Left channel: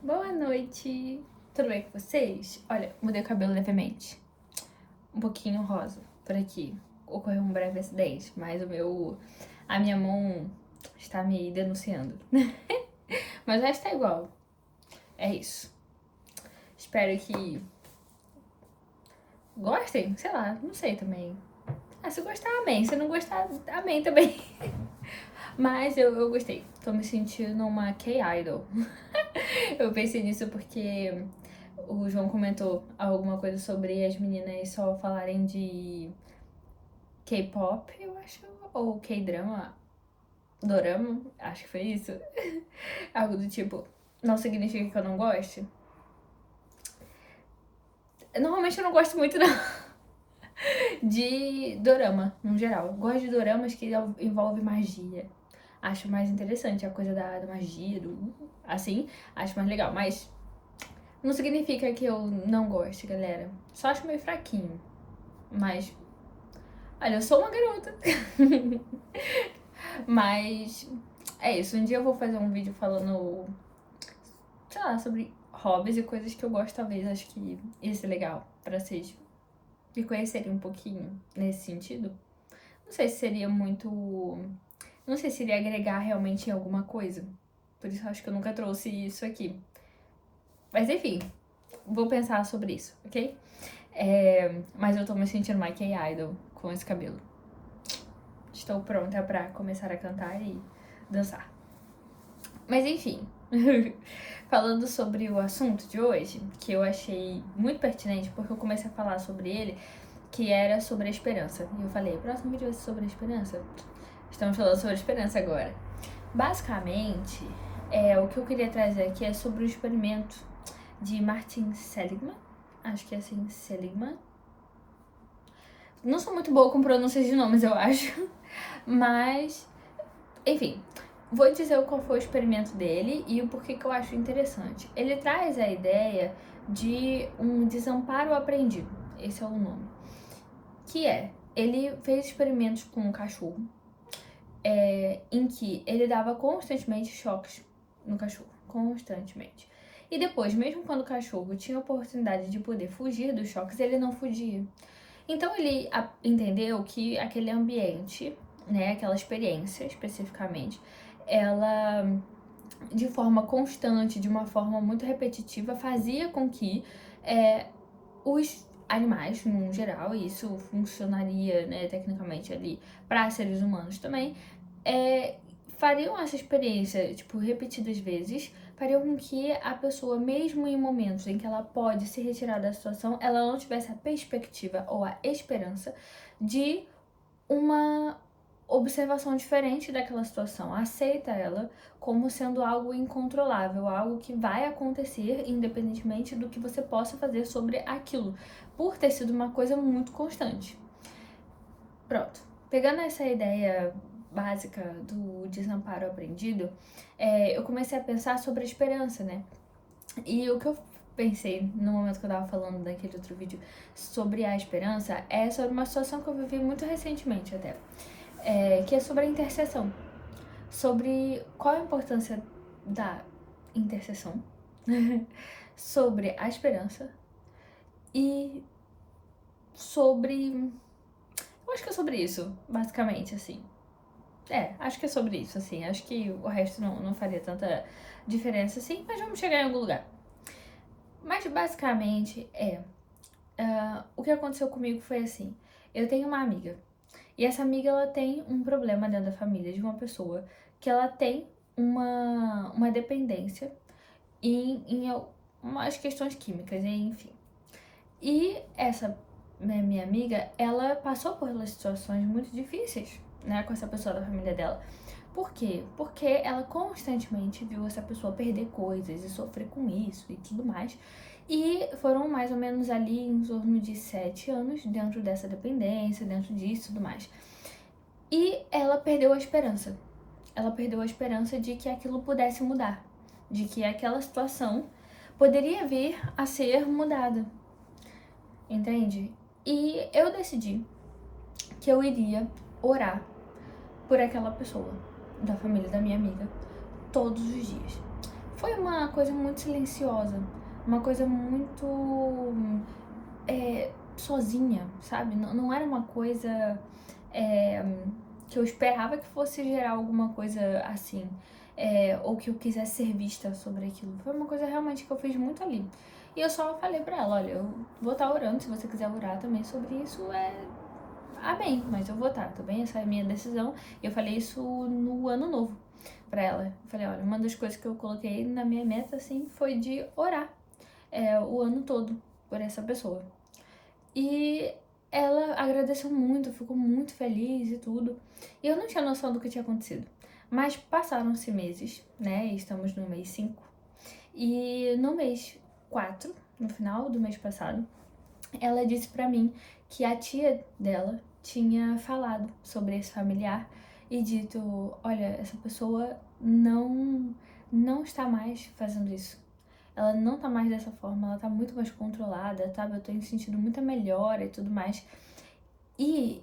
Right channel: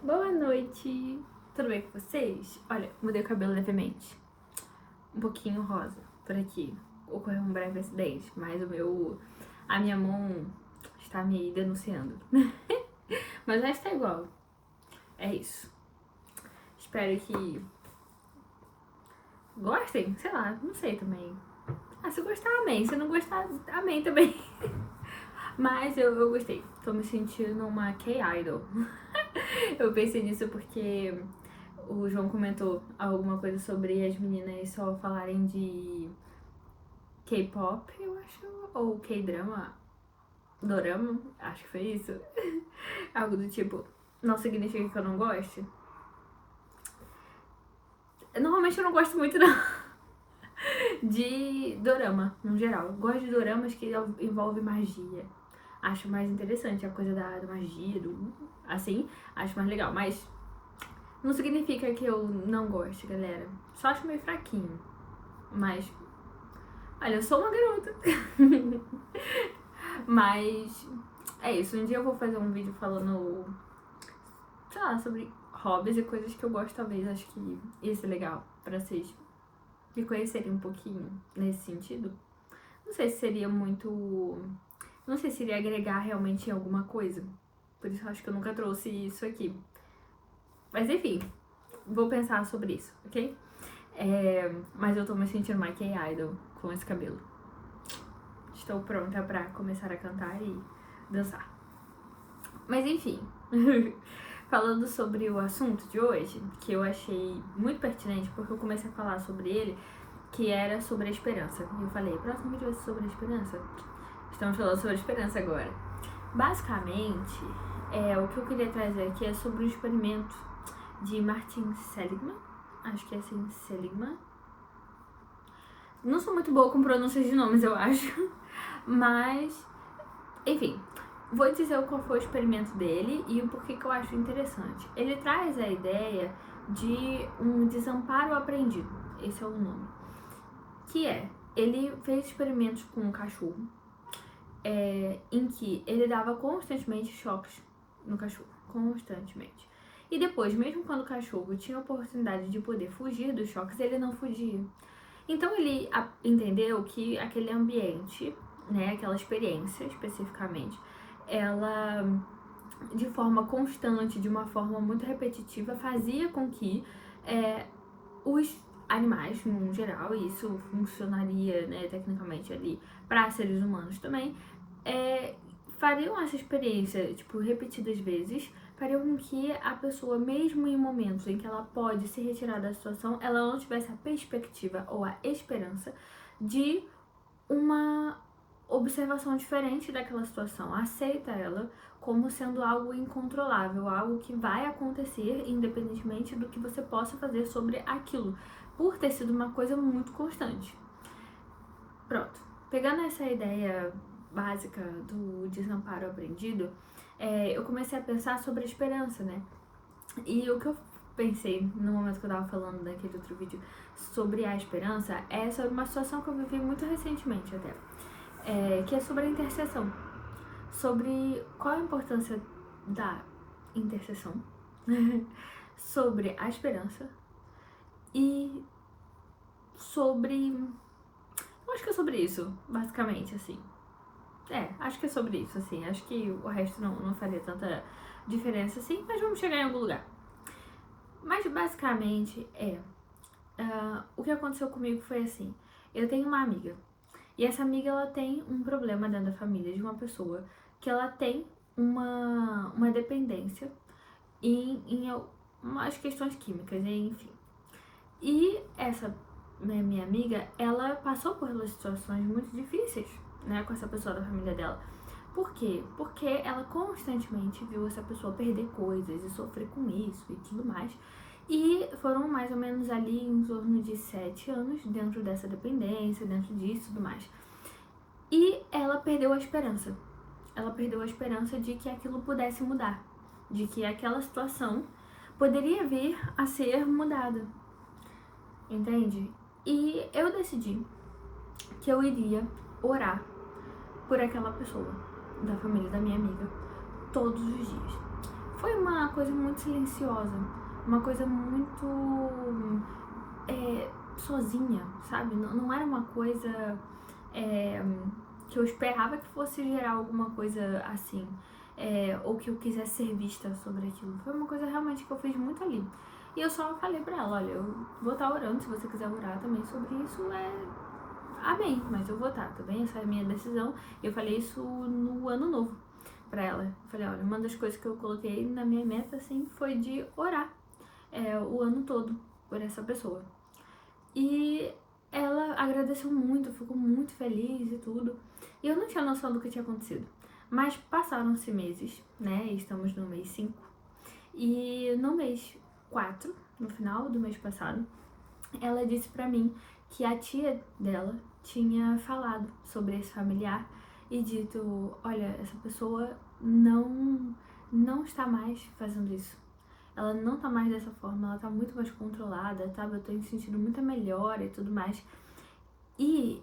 Boa noite! Tudo bem com vocês? Olha, mudei o cabelo levemente. Um pouquinho rosa por aqui. Ocorreu um breve acidente, mas a minha mão está me denunciando. Mas já está igual. É isso. Espero que gostem, sei lá, não sei também. Se gostar, amém. Se não gostar, amém também. Mas eu gostei. Tô me sentindo uma K-Idol. Eu pensei nisso porque o João comentou alguma coisa sobre as meninas só falarem de K-pop, eu acho, ou K-drama, dorama, acho que foi isso. Algo do tipo, não significa que eu não goste. Normalmente eu não gosto muito não de dorama, no geral. Gosto de doramas que envolvem magia. Acho mais interessante a coisa da magia, assim, acho mais legal. Mas não significa que eu não goste, galera. Só acho meio fraquinho. Mas, olha, eu sou uma garota. Mas é isso. Um dia eu vou fazer um vídeo falando, sei lá, sobre hobbies e coisas que eu gosto, talvez. Acho que ia ser legal pra vocês me conhecerem um pouquinho nesse sentido. Não sei se seria muito. Não sei se iria agregar realmente em alguma coisa. Por isso eu acho que eu nunca trouxe isso aqui. Mas enfim, vou pensar sobre isso, ok? Mas eu tô me sentindo mais K-Idol com esse cabelo. Estou pronta pra começar a cantar e dançar. Mas enfim, falando sobre o assunto de hoje, que eu achei muito pertinente, porque eu comecei a falar sobre ele, que era sobre a esperança. E eu falei, próximo vídeo vai ser sobre a esperança. Estamos falando sobre a esperança agora. Basicamente, o que eu queria trazer aqui é sobre o experimento de Martin Seligman. Acho que é assim, Seligman. Não sou muito boa com pronúncias de nomes, eu acho. Mas, enfim, vou dizer qual foi o experimento dele e o porquê que eu acho interessante. Ele traz a ideia de um desamparo aprendido. Esse é o nome. Que ele fez experimentos com um cachorro em que ele dava constantemente choques no cachorro. Constantemente. E depois, mesmo quando o cachorro tinha a oportunidade de poder fugir dos choques, ele não fugia. Então ele entendeu que aquele ambiente, né, aquela experiência especificamente, ela de forma constante, de uma forma muito repetitiva, fazia com que os animais, no geral, e isso funcionaria, né, tecnicamente ali para seres humanos também, fariam essa experiência, tipo, repetidas vezes, fariam com que a pessoa, mesmo em momentos em que ela pode se retirar da situação, ela não tivesse a perspectiva ou a esperança de uma observação diferente daquela situação. Aceita ela como sendo algo incontrolável, algo que vai acontecer independentemente do que você possa fazer sobre aquilo, por ter sido uma coisa muito constante. Pronto. Pegando essa ideia básica do desamparo aprendido, eu comecei a pensar sobre a esperança, né? E o que eu pensei no momento que eu tava falando daquele outro vídeo sobre a esperança é sobre uma situação que eu vivi muito recentemente até, que é sobre a intercessão. Sobre qual a importância da intercessão, sobre a esperança e sobre... acho que é sobre isso, basicamente, assim. Acho que é sobre isso, assim. Acho que o resto não faria tanta diferença, assim, mas vamos chegar em algum lugar. Mas, basicamente, o que aconteceu comigo foi assim. Eu tenho uma amiga, e essa amiga, ela tem um problema dentro da família de uma pessoa que ela tem uma dependência em umas questões químicas, enfim. E essa minha amiga, ela passou por situações muito difíceis, né, com essa pessoa da família dela. Por quê? Porque ela constantemente viu essa pessoa perder coisas e sofrer com isso e tudo mais. E foram mais ou menos ali em torno de 7 anos dentro dessa dependência, dentro disso e tudo mais. E ela perdeu a esperança. Ela perdeu a esperança de que aquilo pudesse mudar, de que aquela situação poderia vir a ser mudada, entende? E eu decidi que eu iria orar por aquela pessoa, da família da minha amiga, todos os dias. Foi uma uma coisa muito silenciosa, uma coisa muito sozinha, sabe? Não era uma coisa que eu esperava que fosse gerar alguma coisa assim, ou que eu quisesse ser vista sobre aquilo. Foi uma coisa realmente que eu fiz muito ali. E eu só falei pra ela, olha, eu vou estar orando, se você quiser orar também sobre isso, amém, mas eu vou estar, tá bem? Essa é a minha decisão. E eu falei isso no ano novo pra ela. Eu falei, olha, uma das coisas que eu coloquei na minha meta, assim, foi de orar o ano todo por essa pessoa. E ela agradeceu muito, ficou muito feliz e tudo. E eu não tinha noção do que tinha acontecido. Mas passaram-se meses, né? Estamos no mês 5. E no mês 4, no final do mês passado, ela disse pra mim que a tia dela tinha falado sobre esse familiar e dito, olha, essa pessoa não está mais fazendo isso. Ela não tá mais dessa forma, ela tá muito mais controlada, sabe? Eu tenho sentido muita melhora e tudo mais. E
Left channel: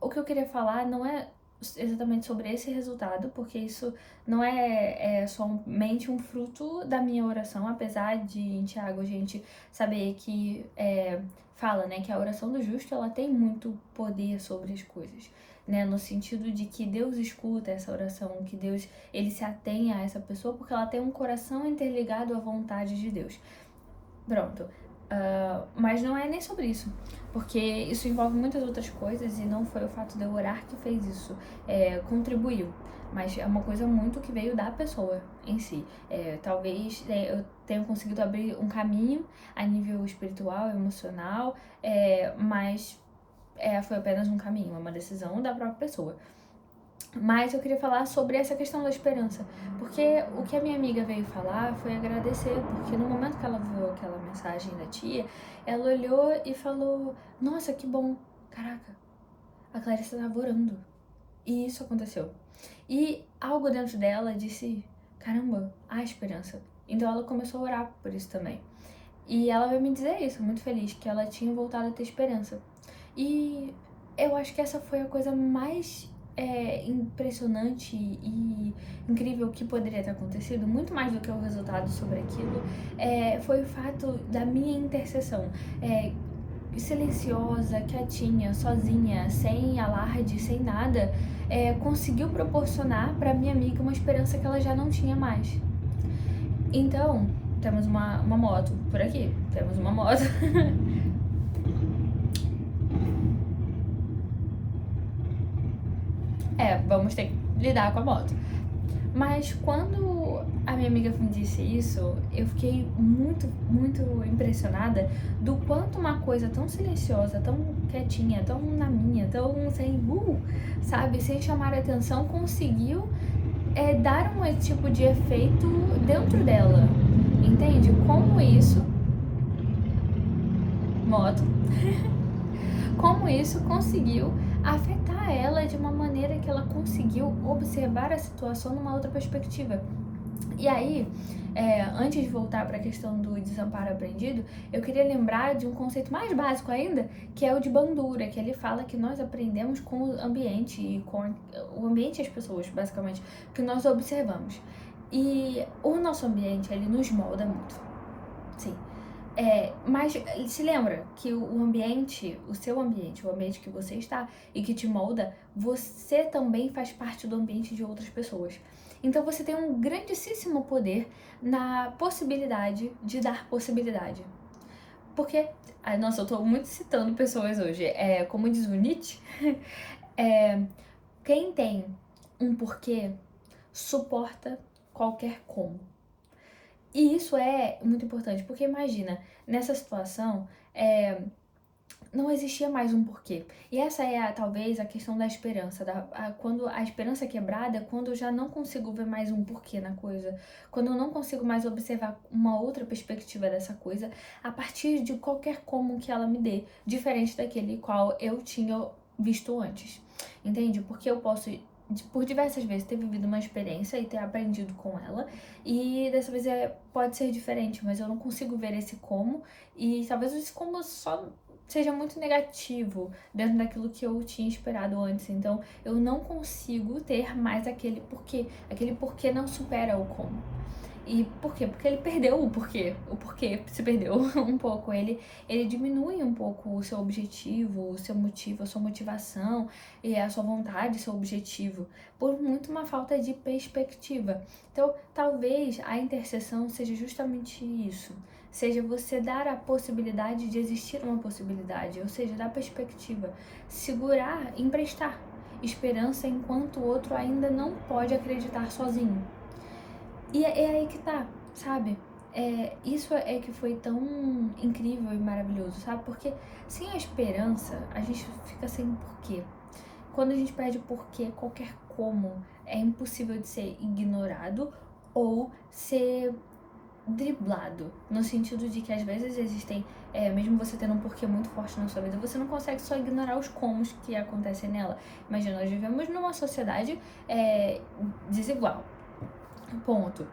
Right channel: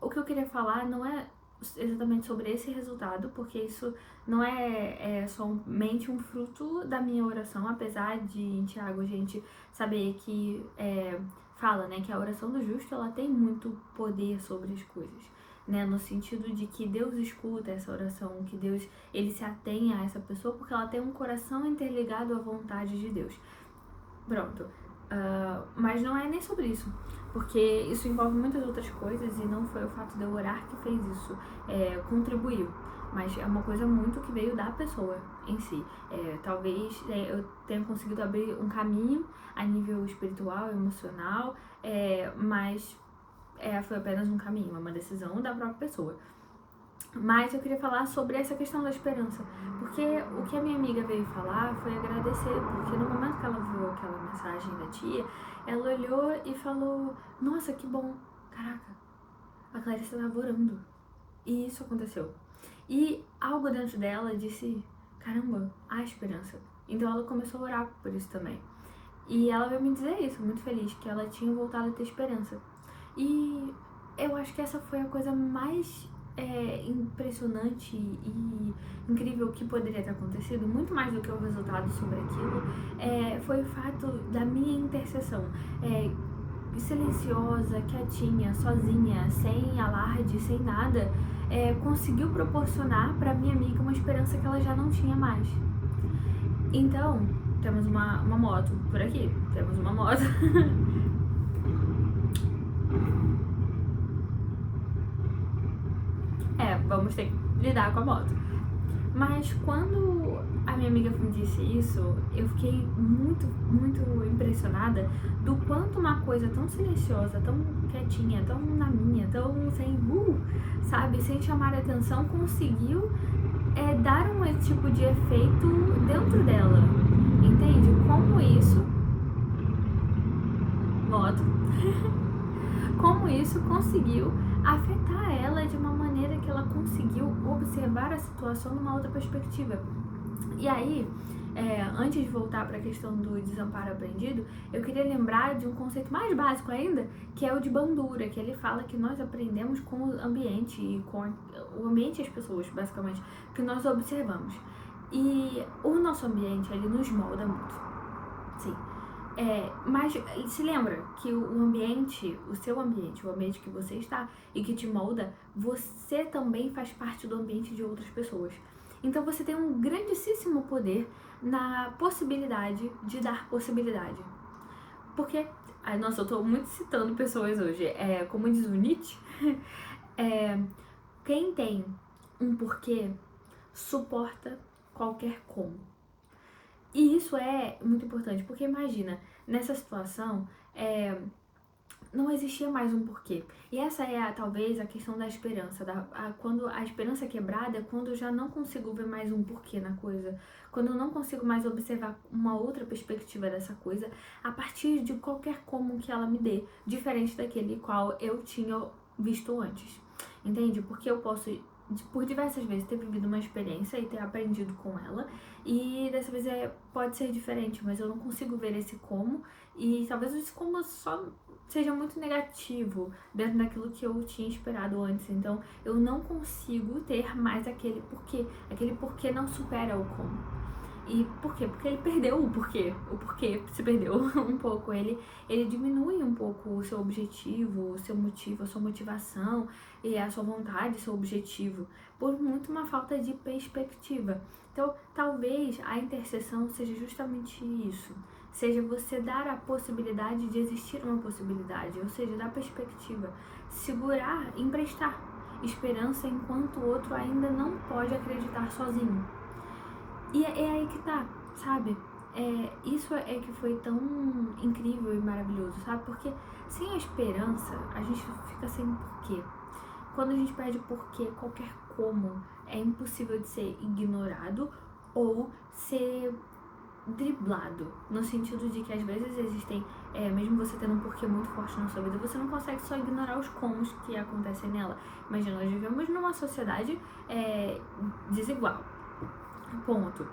o que eu queria falar não é exatamente sobre esse resultado, porque isso não é somente um fruto da minha oração, apesar de em Tiago a gente saber que fala, né, que a oração do justo ela tem muito poder sobre as coisas, né, no sentido de que Deus escuta essa oração, que Deus ele se atém a essa pessoa porque ela tem um coração interligado à vontade de Deus. Pronto. Mas não é nem sobre isso, porque isso envolve muitas outras coisas e não foi o fato de eu orar que fez isso, contribuiu, mas é uma coisa muito que veio da pessoa em si. Talvez eu tenha conseguido abrir um caminho a nível espiritual, emocional, mas foi apenas um caminho, é uma decisão da própria pessoa. Mas eu queria falar sobre essa questão da esperança, porque o que a minha amiga veio falar foi agradecer, porque no momento que ela viu aquela mensagem da tia, ela olhou e falou, nossa, que bom, caraca, a Clarissa estava orando, e isso aconteceu. E algo dentro dela disse, caramba, há esperança. Então ela começou a orar por isso também. E ela veio me dizer isso, muito feliz, que ela tinha voltado a ter esperança. E eu acho que essa foi a coisa mais impressionante e incrível que poderia ter acontecido, muito mais do que o resultado sobre aquilo, foi o fato da minha intercessão, silenciosa, quietinha, sozinha, sem alarde, sem nada, conseguiu proporcionar para minha amiga uma esperança que ela já não tinha mais. Então, temos uma moto por aqui, temos uma moto. Vamos ter que lidar com a moto. Mas quando a minha amiga me disse isso, eu fiquei muito, muito impressionada do quanto uma coisa tão silenciosa, tão quietinha, tão na minha, tão sem, sabe, sem chamar a atenção, conseguiu dar um tipo de efeito dentro dela. Entende? Como isso... Moto. Como isso conseguiu afetar ela de uma maneira que ela conseguiu observar a situação numa outra perspectiva. E aí, antes de voltar para a questão do desamparo aprendido, eu queria lembrar de um conceito mais básico ainda, que é o de Bandura, que ele fala que nós aprendemos com o ambiente, e com o ambiente e as pessoas, basicamente, que nós observamos. E o nosso ambiente, ele nos molda muito. Sim. Mas se lembra que o ambiente, o seu ambiente, o ambiente que você está e que te molda, você também faz parte do ambiente de outras pessoas. Então você tem um grandíssimo poder na possibilidade de dar possibilidade. Porque, nossa, eu tô muito citando pessoas hoje. Como diz o Nietzsche, quem tem um porquê suporta qualquer como. E isso é muito importante, porque imagina, nessa situação, não existia mais um porquê. E essa talvez a questão da esperança. Quando a esperança é quebrada é quando eu já não consigo ver mais um porquê na coisa. Quando eu não consigo mais observar uma outra perspectiva dessa coisa a partir de qualquer como que ela me dê, diferente daquele qual eu tinha visto antes. Entende? Porque eu posso, por diversas vezes, ter vivido uma experiência e ter aprendido com ela, e dessa vez pode ser diferente, mas eu não consigo ver esse como, e talvez esse como só seja muito negativo dentro daquilo que eu tinha esperado antes. Então eu não consigo ter mais aquele porquê não supera o como. E por quê? Porque ele perdeu o porquê. O porquê se perdeu um pouco. Ele diminui um pouco o seu objetivo, o seu motivo, a sua motivação e a sua vontade, seu objetivo, por muito uma falta de perspectiva. Então, talvez a intercessão seja justamente isso. Seja você dar a possibilidade de existir uma possibilidade, ou seja, dar perspectiva, segurar, emprestar esperança enquanto o outro ainda não pode acreditar sozinho. E é aí que tá, sabe? Isso é que foi tão incrível e maravilhoso, sabe? Porque sem a esperança, a gente fica sem porquê. Quando a gente perde porquê, qualquer como é impossível de ser ignorado ou ser driblado, no sentido de que às vezes existem, mesmo você tendo um porquê muito forte na sua vida, você não consegue só ignorar os comos que acontecem nela. Imagina, nós vivemos numa sociedade desigual, ponto.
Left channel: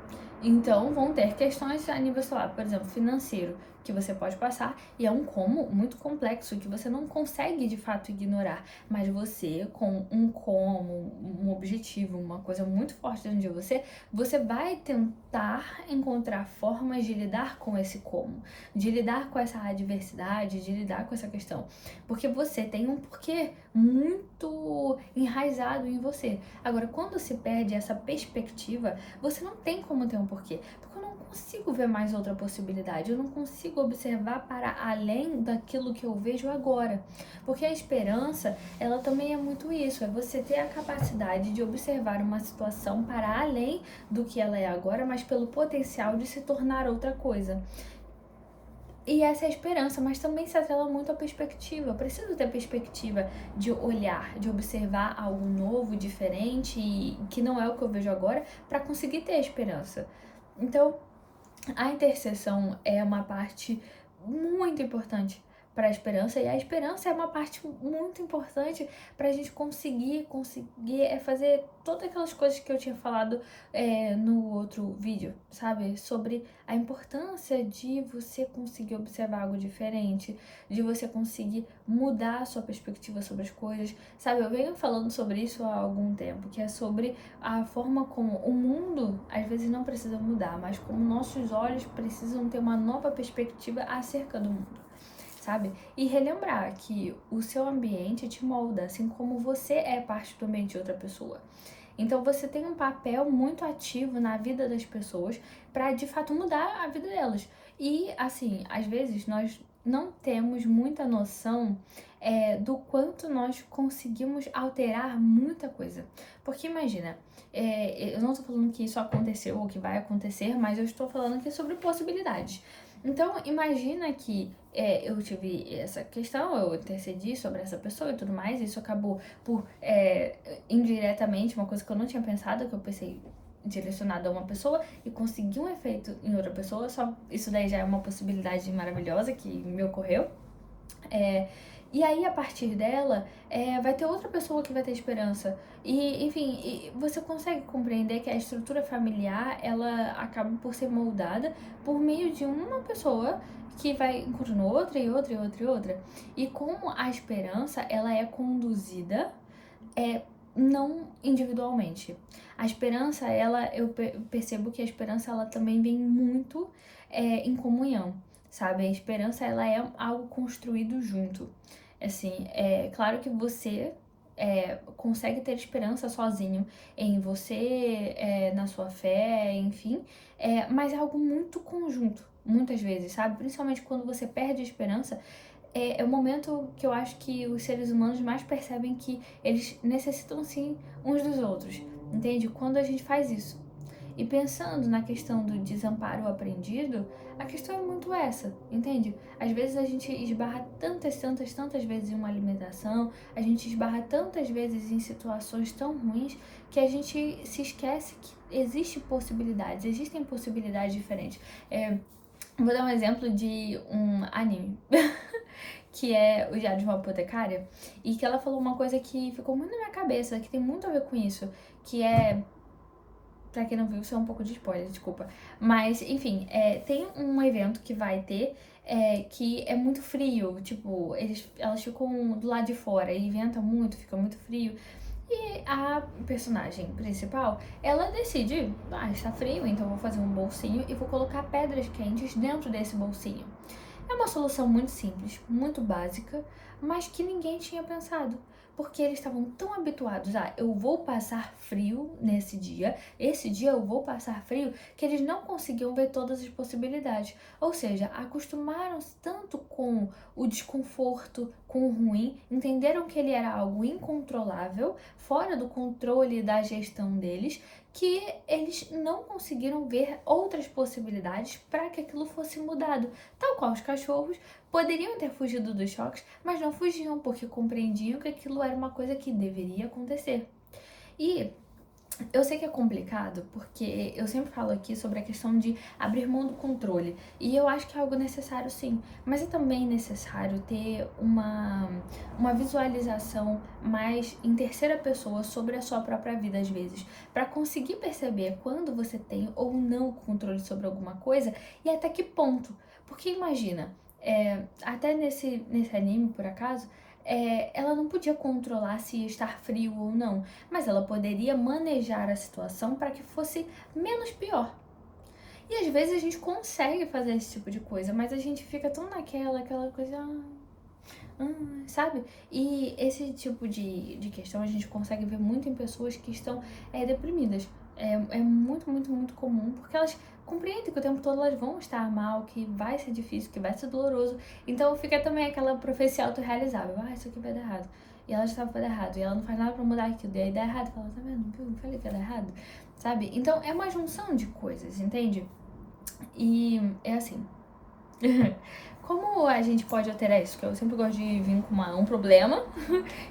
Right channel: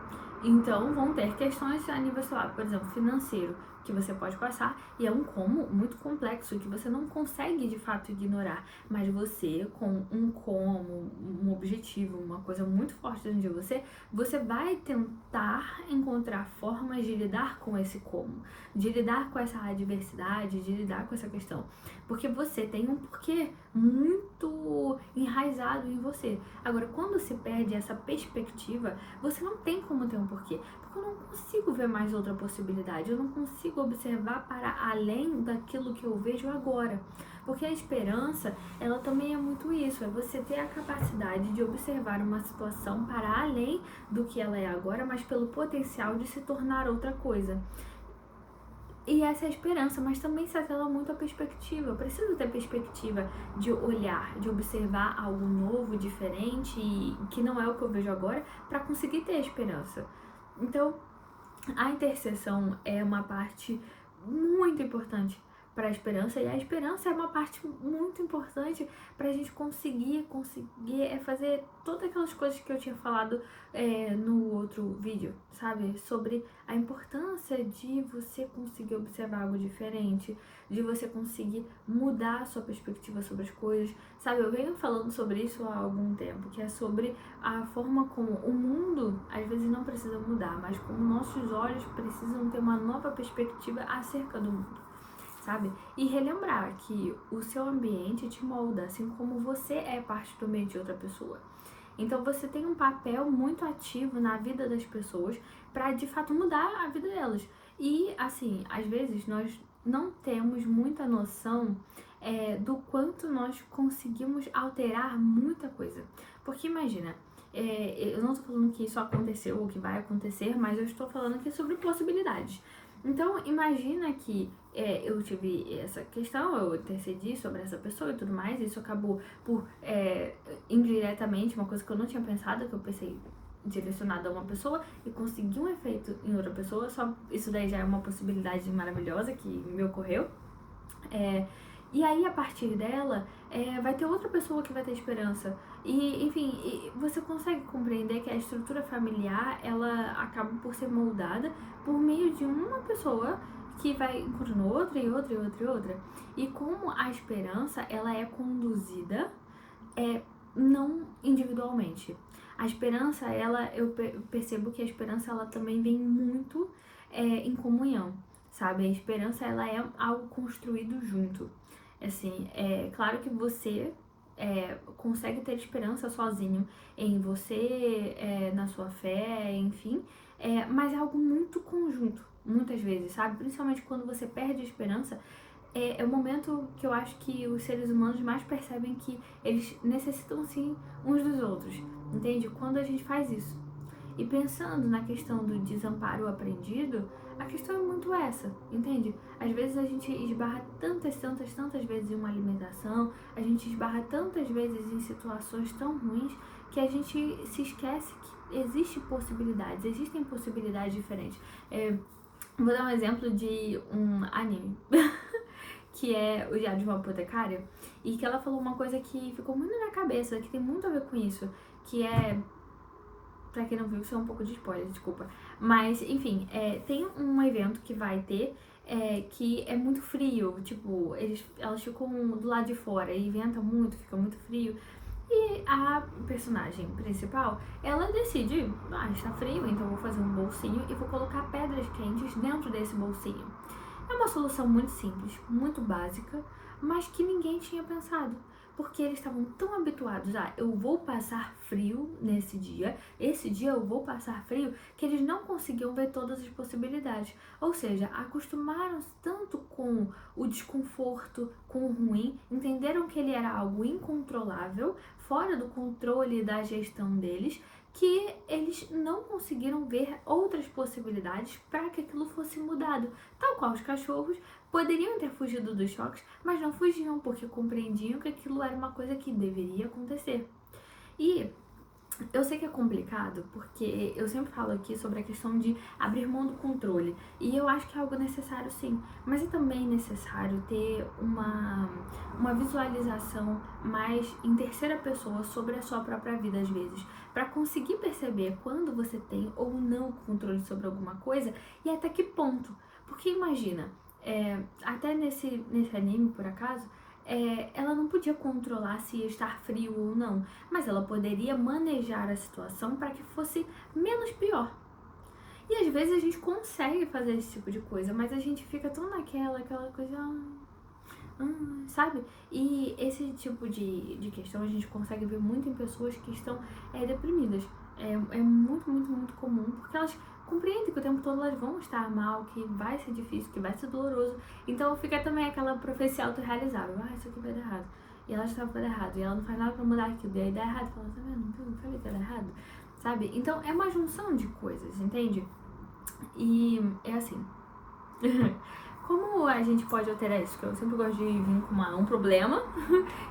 Então vão ter questões a nível, sei lá, por exemplo, financeiro, que você pode passar, e é um como muito complexo que você não consegue de fato ignorar, mas você com um como, um objetivo, uma coisa muito forte dentro de você vai tentar encontrar formas de lidar com esse como, de lidar com essa adversidade, de lidar com essa questão, porque você tem um porquê muito enraizado em você. Agora, quando se perde essa perspectiva, você não tem como ter um porquê, porque eu não consigo ver mais outra possibilidade, eu não consigo observar para além daquilo que eu vejo agora, porque a esperança, ela também é muito isso, é você ter a capacidade de observar uma situação para além do que ela é agora, mas pelo potencial de se tornar outra coisa. E essa é a esperança, mas também se atrela muito à perspectiva. Eu preciso ter perspectiva de olhar, de observar algo novo, diferente, e que não é o que eu vejo agora, para conseguir ter a esperança. Então, a intercessão é uma parte muito importante para a esperança, e a esperança é uma parte muito importante para a gente conseguir fazer todas aquelas coisas que eu tinha falado no outro vídeo, sabe? Sobre a importância de você conseguir observar algo diferente, de você conseguir mudar a sua perspectiva sobre as coisas, sabe? Eu venho falando sobre isso há algum tempo, que é sobre a forma como o mundo às vezes não precisa mudar, mas como nossos olhos precisam ter uma nova perspectiva acerca do mundo, sabe? E relembrar que o seu ambiente te molda, assim como você é parte do ambiente de outra pessoa. Então você tem um papel muito ativo na vida das pessoas para de fato mudar a vida delas. E assim, às vezes nós não temos muita noção do quanto nós conseguimos alterar muita coisa. Porque imagina, eu não estou falando que isso aconteceu ou que vai acontecer, mas eu estou falando aqui sobre possibilidades. Então, imagina que eu tive essa questão, eu intercedi sobre essa pessoa e tudo mais, isso acabou por, indiretamente, uma coisa que eu não tinha pensado, que eu pensei direcionado a uma pessoa e consegui um efeito em outra pessoa, só isso daí já é uma possibilidade maravilhosa que me ocorreu. E aí, a partir dela, vai ter outra pessoa que vai ter esperança. E, enfim, você consegue compreender que a estrutura familiar, ela acaba por ser moldada por meio de uma pessoa que vai encontrando outra e outra e outra e outra. E como a esperança, ela é conduzida não individualmente. A esperança, eu percebo que a esperança, ela também vem muito em comunhão, sabe? A esperança, ela é algo construído junto. Assim, é claro que você consegue ter esperança sozinho em você, na sua fé, enfim, mas é algo muito conjunto, muitas vezes, sabe? Principalmente quando você perde a esperança, é o momento que eu acho que os seres humanos mais percebem que eles necessitam sim uns dos outros, entende? Quando a gente faz isso. E pensando na questão do desamparo aprendido, a questão é muito essa, entende? Às vezes a gente esbarra tantas vezes em uma alimentação, a gente esbarra tantas vezes em situações tão ruins que a gente se esquece que existem possibilidades diferentes. Vou dar um exemplo de um anime. Que é o Diário de uma Apotecária, e que ela falou uma coisa que ficou muito na minha cabeça, que tem muito a ver com isso, que é... Pra quem não viu, isso é um pouco de spoiler, desculpa. Mas, enfim, tem um evento que vai ter que é muito frio, tipo, elas ficam do lado de fora e venta muito, fica muito frio. E a personagem principal, ela decide, está frio, então vou fazer um bolsinho e vou colocar pedras quentes dentro desse bolsinho. É uma solução muito simples, muito básica, mas que ninguém tinha pensado. Porque eles estavam tão habituados a eu vou passar frio nesse dia, esse dia eu vou passar frio, que eles não conseguiam ver todas as possibilidades. Ou seja, acostumaram-se tanto com o desconforto, com o ruim, entenderam que ele era algo incontrolável, fora do controle da gestão deles, que eles não conseguiram ver outras possibilidades para que aquilo fosse mudado. Tal qual os cachorros poderiam ter fugido dos choques, mas não fugiam porque compreendiam que aquilo era uma coisa que deveria acontecer. E eu sei que é complicado, porque eu sempre falo aqui sobre a questão de abrir mão do controle. E eu acho que é algo necessário sim. Mas é também necessário ter uma visualização mais em terceira pessoa sobre a sua própria vida, às vezes. Para conseguir perceber quando você tem ou não controle sobre alguma coisa e até que ponto. Porque imagina, até nesse anime, por acaso, ela não podia controlar se ia estar frio ou não, mas ela poderia manejar a situação para que fosse menos pior. E às vezes a gente consegue fazer esse tipo de coisa, mas a gente fica tão aquela coisa, sabe? E esse tipo de questão a gente consegue ver muito em pessoas que estão deprimidas. É muito, muito, muito comum, porque elas compreendem que o tempo todo elas vão estar mal, que vai ser difícil, que vai ser doloroso. Então fica também aquela profecia autorrealizável. Isso aqui vai dar errado. E ela está vai dar errado. E ela não faz nada pra mudar aquilo. E aí dá errado. Fala, tá vendo? Eu falei que ia dar errado. Sabe? Então é uma junção de coisas, entende? E é assim. Como a gente pode alterar isso? Que eu sempre gosto de vir com um problema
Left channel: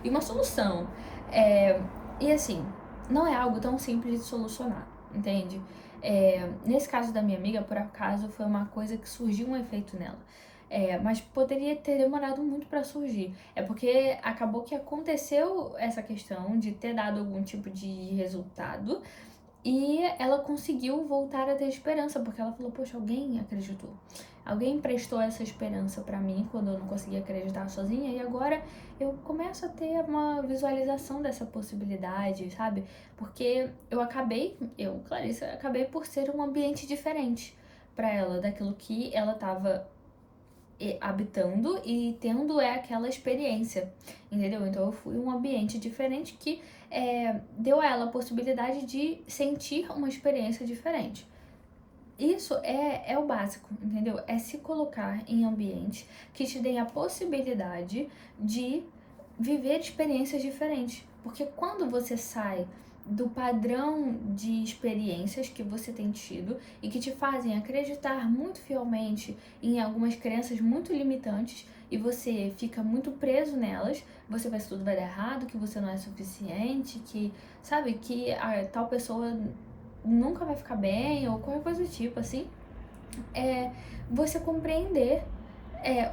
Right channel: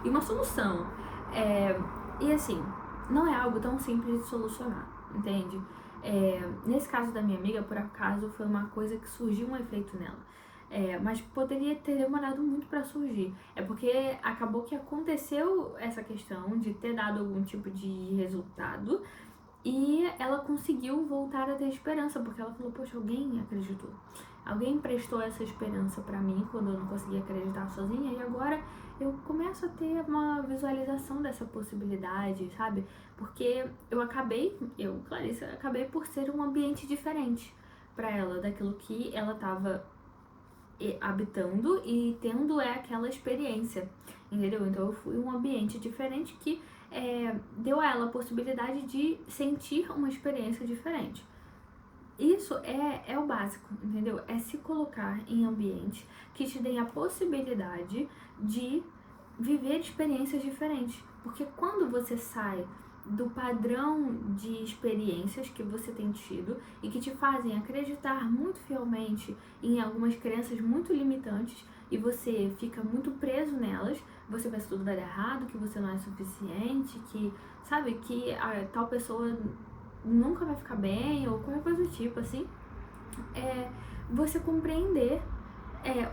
e uma solução. E assim, não é algo tão simples de solucionar, entende? Nesse caso da minha amiga, por acaso, foi uma coisa que surgiu um efeito nela. Mas poderia ter demorado muito para surgir. É porque acabou que aconteceu essa questão de ter dado algum tipo de resultado e ela conseguiu voltar a ter esperança, porque ela falou, poxa, alguém acreditou. Alguém prestou essa esperança pra mim quando eu não conseguia acreditar sozinha e agora eu começo a ter uma visualização dessa possibilidade, sabe? Porque Clarice, acabei por ser um ambiente diferente pra ela, daquilo que ela tava habitando e tendo aquela experiência, entendeu? Então eu fui um ambiente diferente que deu a ela a possibilidade de sentir uma experiência diferente. Isso é o básico, entendeu? É se colocar em ambientes que te deem a possibilidade de viver experiências diferentes. Porque quando você sai do padrão de experiências que você tem tido e que te fazem acreditar muito fielmente em algumas crenças muito limitantes e você fica muito preso nelas, você pensa que tudo vai dar errado, que você não é suficiente, que, sabe, que a tal pessoa nunca vai ficar bem ou qualquer coisa do tipo, assim, você compreender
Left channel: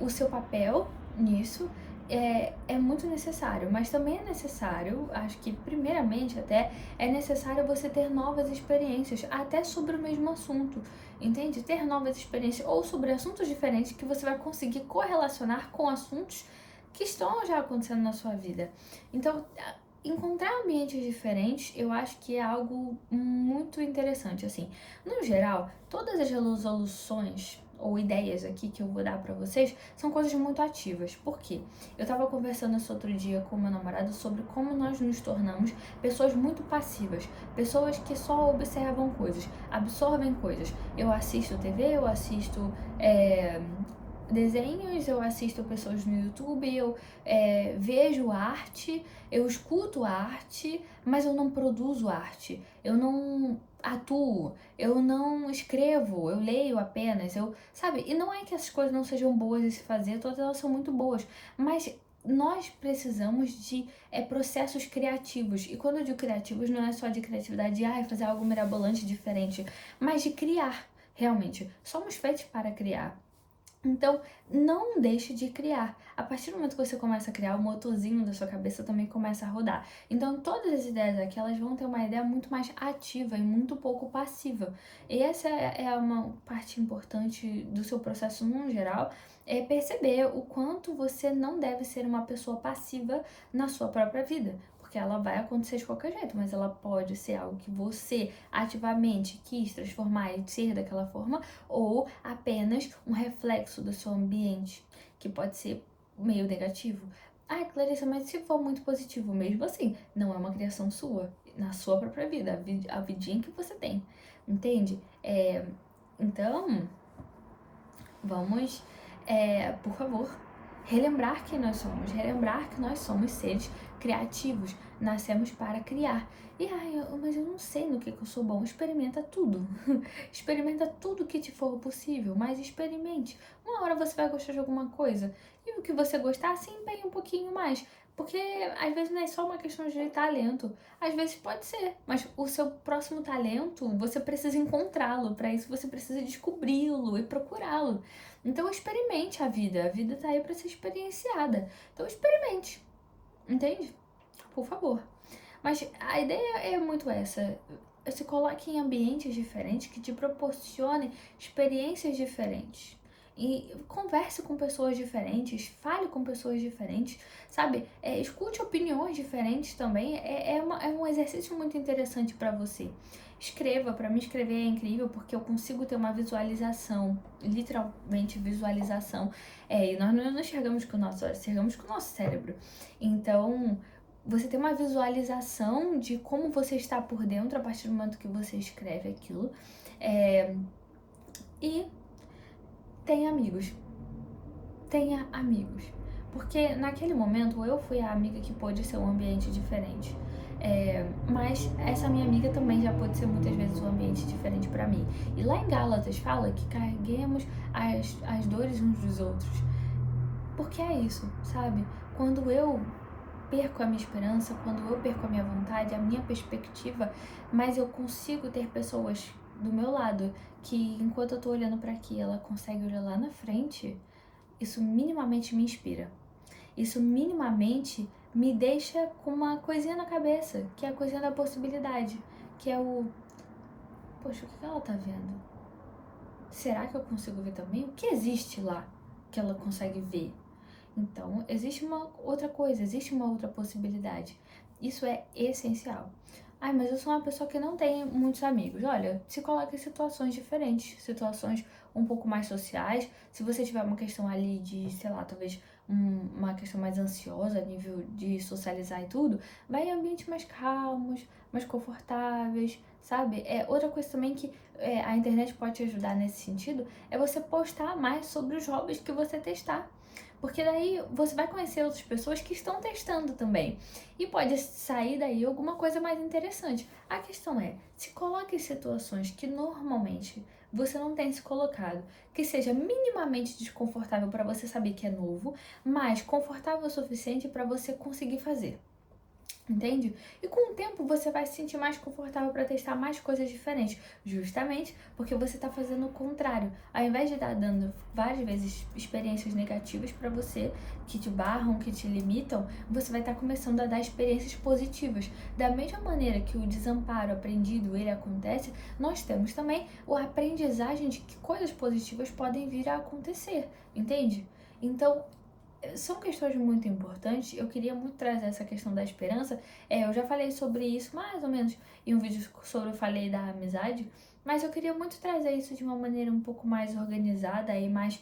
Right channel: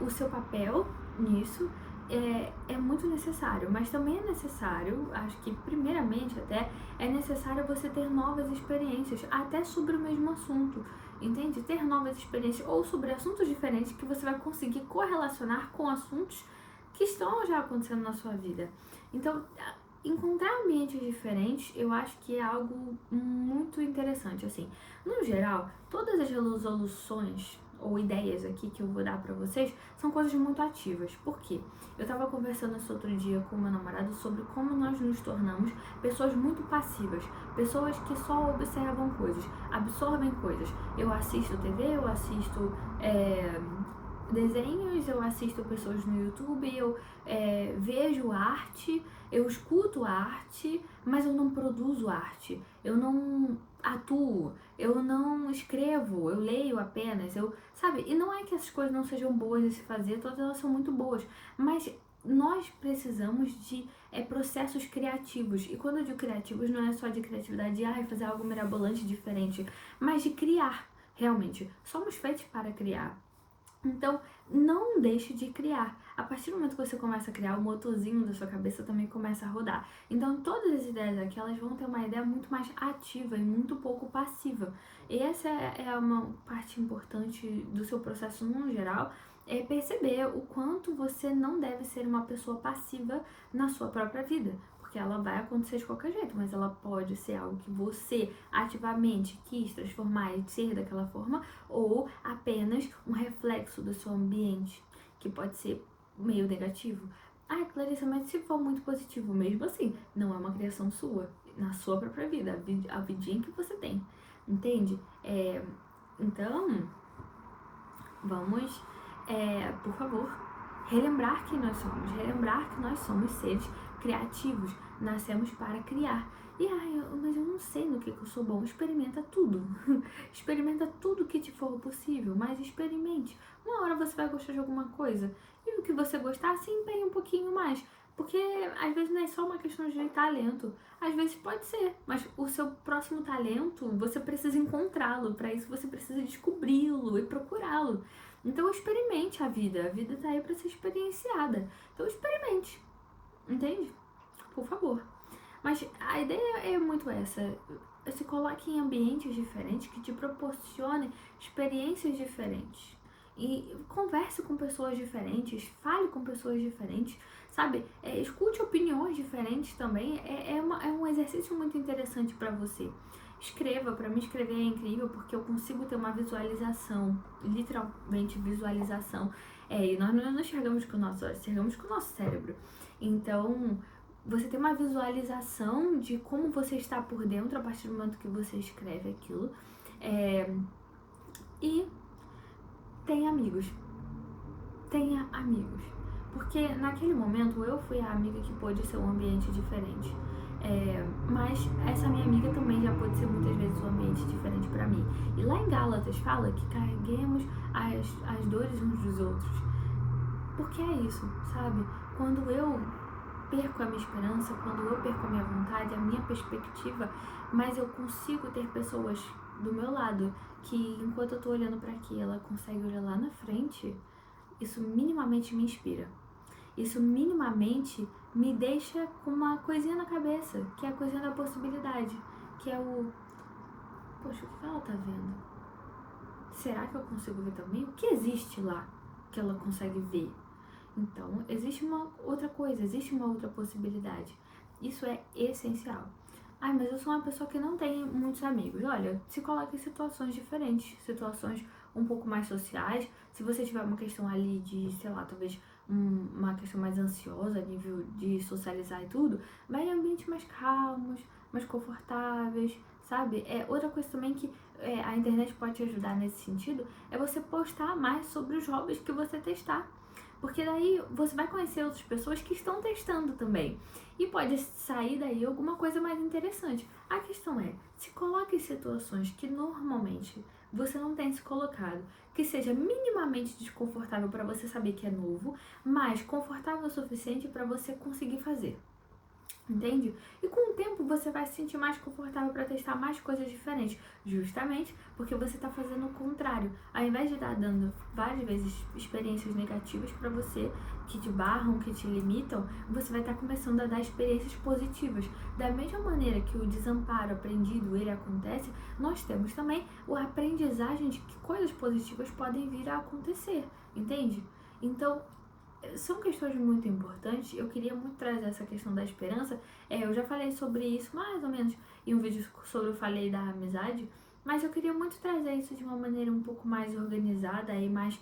o seu papel nisso é muito necessário, mas também é necessário, acho que primeiramente até, é necessário você ter novas experiências, até sobre o mesmo assunto, entende? Ter novas experiências ou sobre assuntos diferentes que você vai conseguir correlacionar com assuntos que estão já acontecendo na sua vida. Então, encontrar ambientes diferentes, eu acho que é algo muito interessante, assim. No geral, todas as resoluções ou ideias aqui que eu vou dar pra vocês são coisas muito ativas. Por quê? Eu tava conversando esse outro dia com meu namorado sobre como nós nos tornamos pessoas muito passivas, pessoas que só observam coisas, absorvem coisas. Eu assisto TV, eu assisto desenhos, eu assisto pessoas no YouTube, eu vejo arte, eu escuto arte, mas eu não produzo arte, eu não atuo, eu não escrevo, eu leio apenas, sabe? E não é que essas coisas não sejam boas de se fazer, todas elas são muito boas, mas nós precisamos de processos criativos. E quando eu digo criativos, não é só de criatividade de fazer algo mirabolante, diferente, mas de criar, realmente. Somos feitos para criar. Então, não deixe de criar. A partir do momento que você começa a criar, o motorzinho da sua cabeça também começa a rodar. Então, todas as ideias aqui, elas vão ter uma ideia muito mais ativa e muito pouco passiva. E essa é uma parte importante do seu processo no geral, é perceber o quanto você não deve ser uma pessoa passiva na sua própria vida. porque ela vai acontecer de qualquer jeito, mas ela pode ser algo que você ativamente quis transformar e ser daquela forma, ou apenas um reflexo do seu ambiente, que pode ser meio negativo. Ah, Clarissa, mas se for muito positivo, mesmo assim, não é uma criação sua, na sua própria vida, a vidinha que você tem, entende? Então, vamos, por favor, relembrar quem nós somos, relembrar que nós somos seres criativos, nascemos para criar. E mas eu não sei no que eu sou bom. Experimenta tudo. Experimenta tudo que te for possível, mas experimente. Uma hora você vai gostar de alguma coisa. E o que você gostar, se empenhe um pouquinho mais. Porque às vezes não é só uma questão de talento. Às vezes pode ser, mas o seu próximo talento, você precisa encontrá-lo. Para isso você precisa descobri-lo e procurá-lo. Então experimente a vida tá aí para ser experienciada. Então experimente, entende? Por favor. Mas a ideia é muito essa. Se coloque em ambientes diferentes que te proporcionem experiências diferentes. E converse com pessoas diferentes, fale com pessoas diferentes, sabe? Escute opiniões diferentes também. É um exercício muito interessante para você. Escreva, para mim escrever é incrível porque eu consigo ter uma visualização, literalmente visualização. E nós não enxergamos com o nosso olho, enxergamos com o nosso cérebro. Então, você tem uma visualização de como você está por dentro a partir do momento que você escreve aquilo. E tenha amigos. Tenha amigos. Porque naquele momento eu fui a amiga que pôde ser um ambiente diferente. Mas essa minha amiga também já pode ser muitas vezes um ambiente diferente para mim. E lá em Gálatas fala que carreguemos as dores uns dos outros. Porque é isso, sabe? Quando eu perco a minha esperança, quando eu perco a minha vontade, a minha perspectiva, mas eu consigo ter pessoas do meu lado que, enquanto eu tô olhando para aqui, ela consegue olhar lá na frente, isso minimamente me inspira. Isso minimamente me deixa com uma coisinha na cabeça, que é a coisinha da possibilidade, que é o... Poxa, o que ela tá vendo? Será que eu consigo ver também? O que existe lá que ela consegue ver? Então, existe uma outra coisa, existe uma outra possibilidade. Isso é essencial. Mas eu sou uma pessoa que não tem muitos amigos. Olha, se coloque em situações diferentes, situações um pouco mais sociais. Se você tiver uma questão ali de, sei lá, talvez uma questão mais ansiosa, a nível de socializar e tudo, vai em ambientes mais calmos, mais confortáveis, sabe? Outra coisa também que a internet pode te ajudar nesse sentido é você postar mais sobre os hobbies que você testar. Porque daí você vai conhecer outras pessoas que estão testando também. E pode sair daí alguma coisa mais interessante. A questão é, se coloque em situações que normalmente você não tem se colocado, que seja minimamente desconfortável para você saber que é novo, mas confortável o suficiente para você conseguir fazer. Entende? E com o tempo você vai se sentir mais confortável para testar mais coisas diferentes, justamente porque você está fazendo o contrário. Ao invés de estar dando várias vezes experiências negativas para você, que te barram, que te limitam, você vai estar começando a dar experiências positivas. Da mesma maneira que o desamparo aprendido ele acontece, nós temos também a aprendizagem de que coisas positivas podem vir a acontecer, entende? Então, são questões muito importantes. Eu queria muito trazer essa questão da esperança. Eu já falei sobre isso mais ou menos em um vídeo sobre eu falei da amizade, mas eu queria muito trazer isso de uma maneira um pouco mais organizada e mais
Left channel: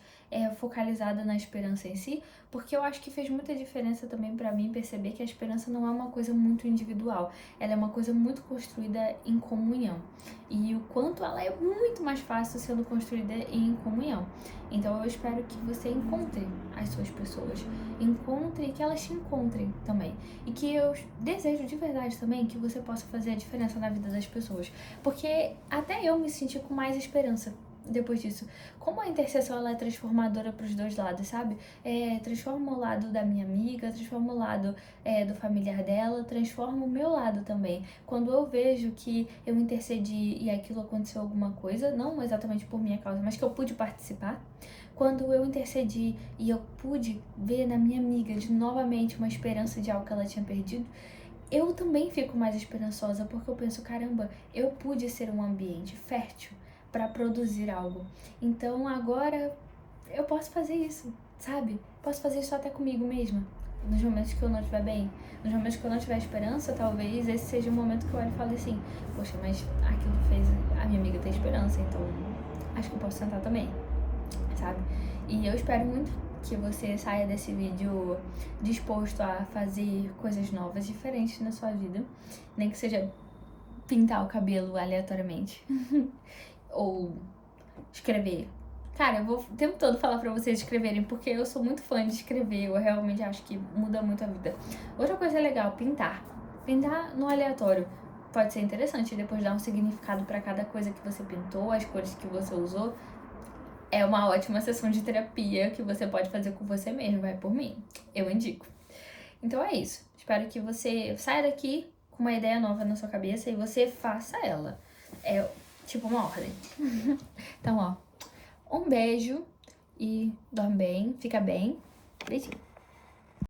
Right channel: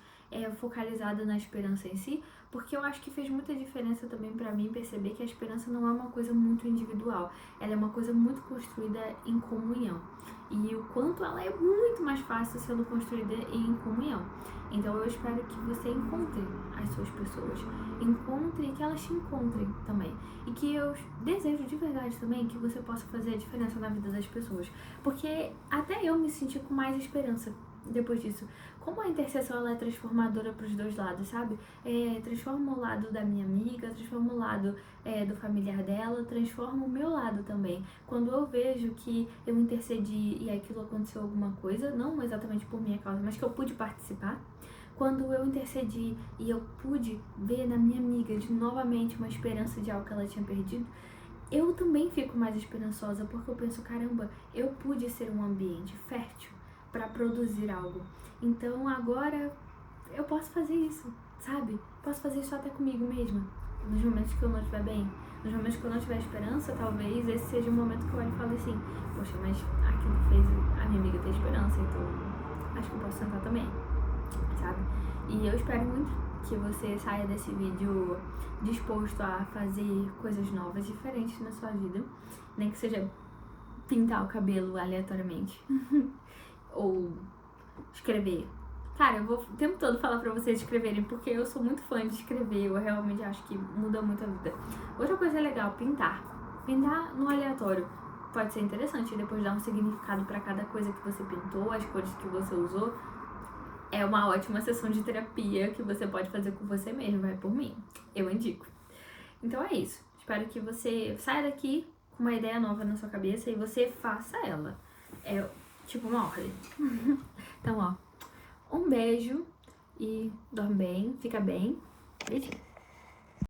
focalizada na esperança em si, porque eu acho que fez muita diferença também para mim perceber que a esperança não é uma coisa muito individual, ela é uma coisa muito construída em comunhão. E o quanto ela é muito mais fácil sendo construída em comunhão. Então eu espero que você encontre as suas pessoas, encontre e que elas te encontrem também. E que eu desejo de verdade também que você possa fazer a diferença na vida das pessoas. Porque até eu me senti com mais esperança depois disso. Como a intercessão ela é transformadora para os dois lados, sabe? Transforma o lado da minha amiga, transforma o lado do familiar dela, transforma o meu lado também. Quando eu vejo que eu intercedi e aquilo aconteceu alguma coisa, não exatamente por minha causa, mas que eu pude participar, quando eu intercedi e eu pude ver na minha amiga de novamente uma esperança de algo que ela tinha perdido, eu também fico mais esperançosa, porque eu penso, caramba, eu pude ser um ambiente fértil para produzir algo. Então agora eu posso fazer isso, sabe? Posso fazer isso até comigo mesma. nos momentos que eu não estiver bem, nos momentos que eu não tiver esperança, talvez esse seja o momento que eu olho e falo assim, poxa, mas aquilo fez a minha amiga ter esperança, então acho que eu posso tentar também, sabe? E eu espero muito que você saia desse vídeo disposto a fazer coisas novas, diferentes na sua vida, nem que seja pintar o cabelo aleatoriamente, ou escrever. Cara, eu vou o tempo todo falar pra vocês escreverem, porque eu sou muito fã de escrever, eu realmente acho que muda muito a vida. Outra coisa legal, pintar. Pintar no aleatório pode ser interessante, depois dar um significado pra cada coisa que você pintou, as cores que você usou. É uma ótima sessão de terapia que você pode fazer com você mesmo, vai por mim. Eu indico. Então é isso. Espero que você saia daqui com uma ideia nova na sua cabeça e você faça ela. É tipo uma ordem. Então, ó, um beijo e dorme bem, fica bem. Beijinho.